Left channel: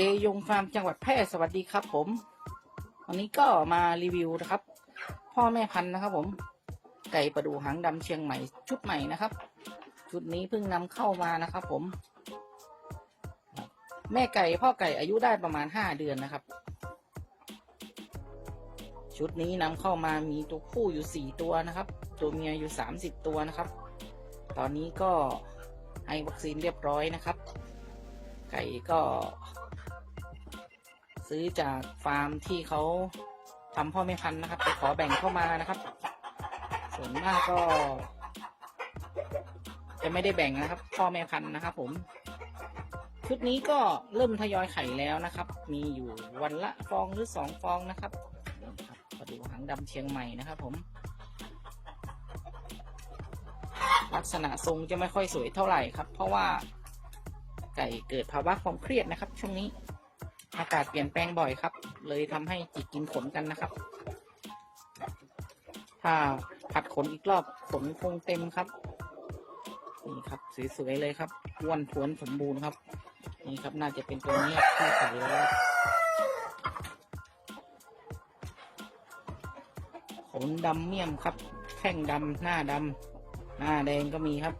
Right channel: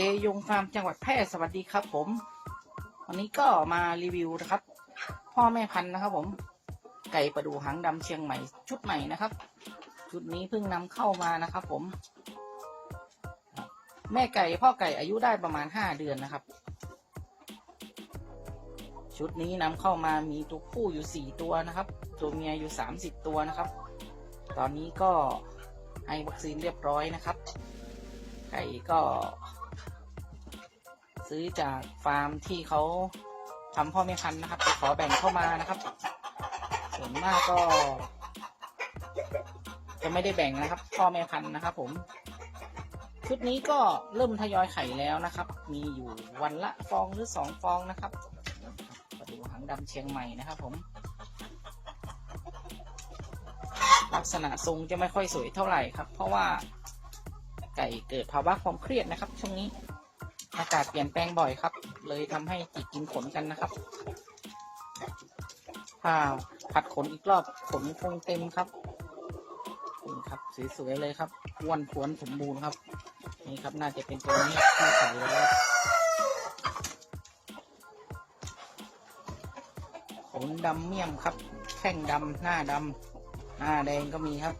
เกยงฟาร์มจังหวัดแพร่สวัสดีครับ ผมวันนี้ก็มารีวิวนะครับ พ่อแม่พันธุ์นะครับ ผม ไก่ประดูหางดำเชียงใหม่ชุดใหม่นะครับ ชุดนี้เพิ่งนำเข้ามานะครับ ผม แม่ไก่พ่อไก่อายุได้ประมาณห้าเดือนนะครับ ชุดนี้นำเข้ามามีตัวผู้อยู่สี่ตัวนะครับ ตัวเมียอยู่สามสิบตัวนะครับ ตอนนี้ก็ให้วัคซีนเรียบร้อยนะครับ ไก่ก็ ซื้อจากฟาร์มที่เขาทำพ่อแม่พันธุ์นะครับขอแบ่งเข้ามานะครับ ส่วนมากก็ จะไม่ได้แบ่งนะครับ พ่อแม่พันธุ์นะครับ ผมชุดนี้ก็เริ่มทยอยไข่แล้วนะครับ มีอยู่วันละฟองหรือสองฟองนะครับกระดูหางดำเชียงใหม่นะครับ ผม ลักษณะทรงจะไม่ค่อยสวยเท่าไหร่ครับ เพราะว่าไก่เกิดภาวะความเครียดนะครับช่วงนี้ อากาศเปลี่ยนแปลงบ่อยครับ เลยทำให้จิกกินขนกันนะครับ ถ้าผัดขนอีกรอบขนคงเต็มครับนี่ครับสวยๆเลยครับอ้วนทวนสมบูรณ์ครับ นี่ครับน่าจะเป็นตัวนี้ที่ใส่แล้วขนดำเมี่ยมครับ แข้งดำหน้าดำหน้าแดงก็มีครับ